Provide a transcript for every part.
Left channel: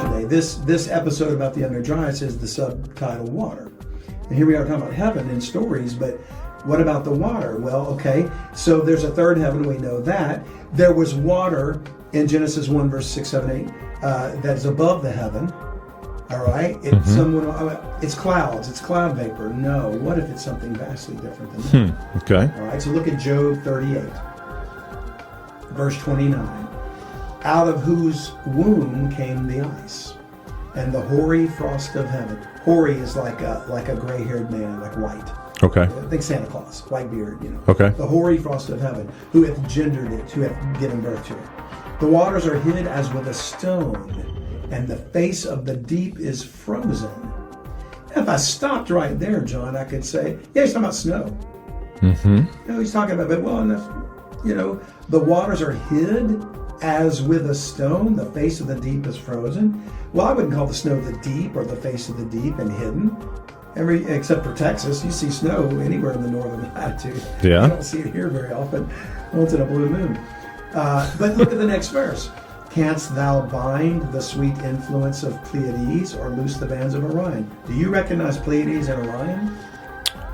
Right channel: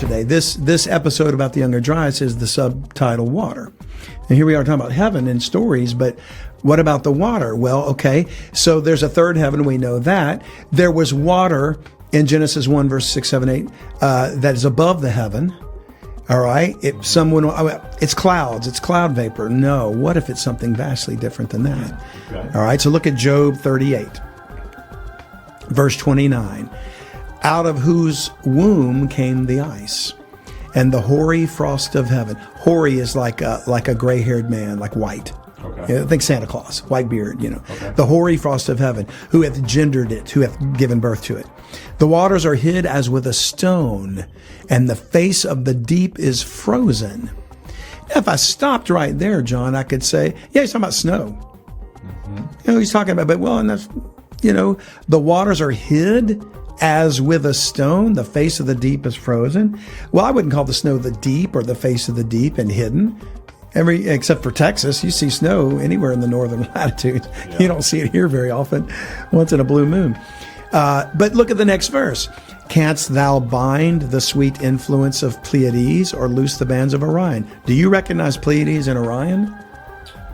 today. This episode about the Younger Dryas is the subtitle Water. And here we are talking about heaven and stories, but what about the water? Well, okay, so there's a third heaven, we know that. There was water in Genesis 1, verse 6, 7, 8, that is above the heaven. All right, if someone, it's clouds, it's cloud vapor. No, what if it's something vastly different than that? Okay. All right, so look at Job 38, verse 29. Out of whose womb came the ice, and the hoary frost of heaven. Hoary is like a gray-haired man, like white. Okay. Think Santa Claus, white beard, Okay. The hoary frost of heaven, who hath gendered it, who hath given birth to it. The waters are hid as with a stone, and the face of the deep is frozen. Now, if I stopped right there, John, I could say, yeah, he's talking about snow. He's talking about, and that's, the waters are hid as with a stone, the face of the deep is frozen. Well, I wouldn't call the snow the deep or the face of the deep and hidden. Except for Texas, you see snow anywhere in the northern latitude. Yeah. You don't see it here very often, once in a blue moon. But look at the next verse. Canst thou bind the sweet influence of Pleiades or loose the bands of Orion? Do you recognize Pleiades and Orion?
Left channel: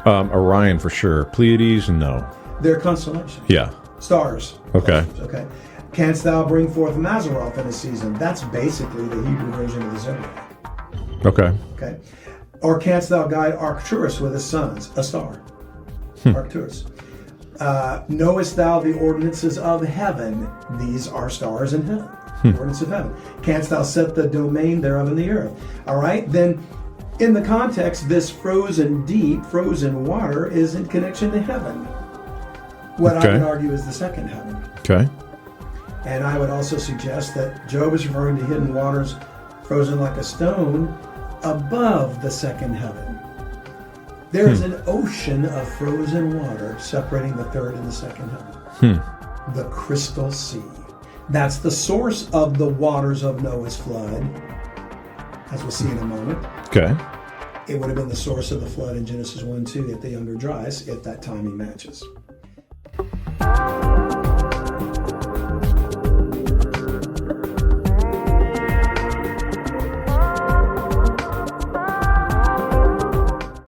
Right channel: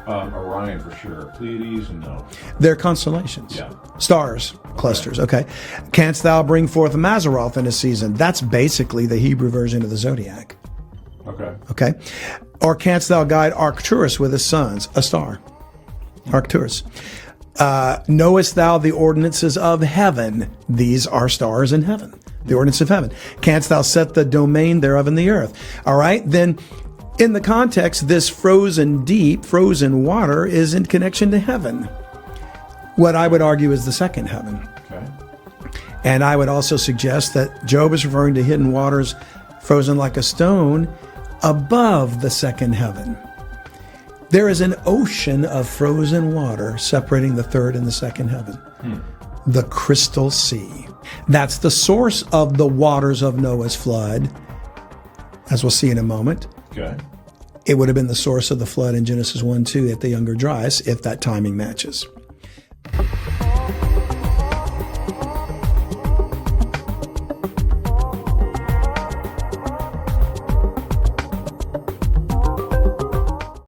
Orion for sure. Pleiades, no. They're constellations. Yeah. Stars, Okay. clusters, okay. Canst thou bring forth Mazzaroth in a season? That's basically the Hebrew version of the zodiac. Okay. Or canst thou guide Arcturus with his sons? A star. Arcturus. Knowest thou the ordinances of heaven? These are stars in heaven. The ordinance of heaven. Canst thou set the domain thereof in the earth? All right, then in the context, this frozen deep, frozen water is in connection to heaven. What I would argue is the second heaven. Okay. And I would also suggest that Job is referring to hidden waters frozen like a stone above the second heaven. There is an ocean of frozen water separating the third and the second heaven. The Crystal Sea. That's the source of the waters of Noah's flood, as we'll see in a moment. Okay. It would have been the source of the flood in Genesis 1, 2 at the Younger Dryas, if that timing matches.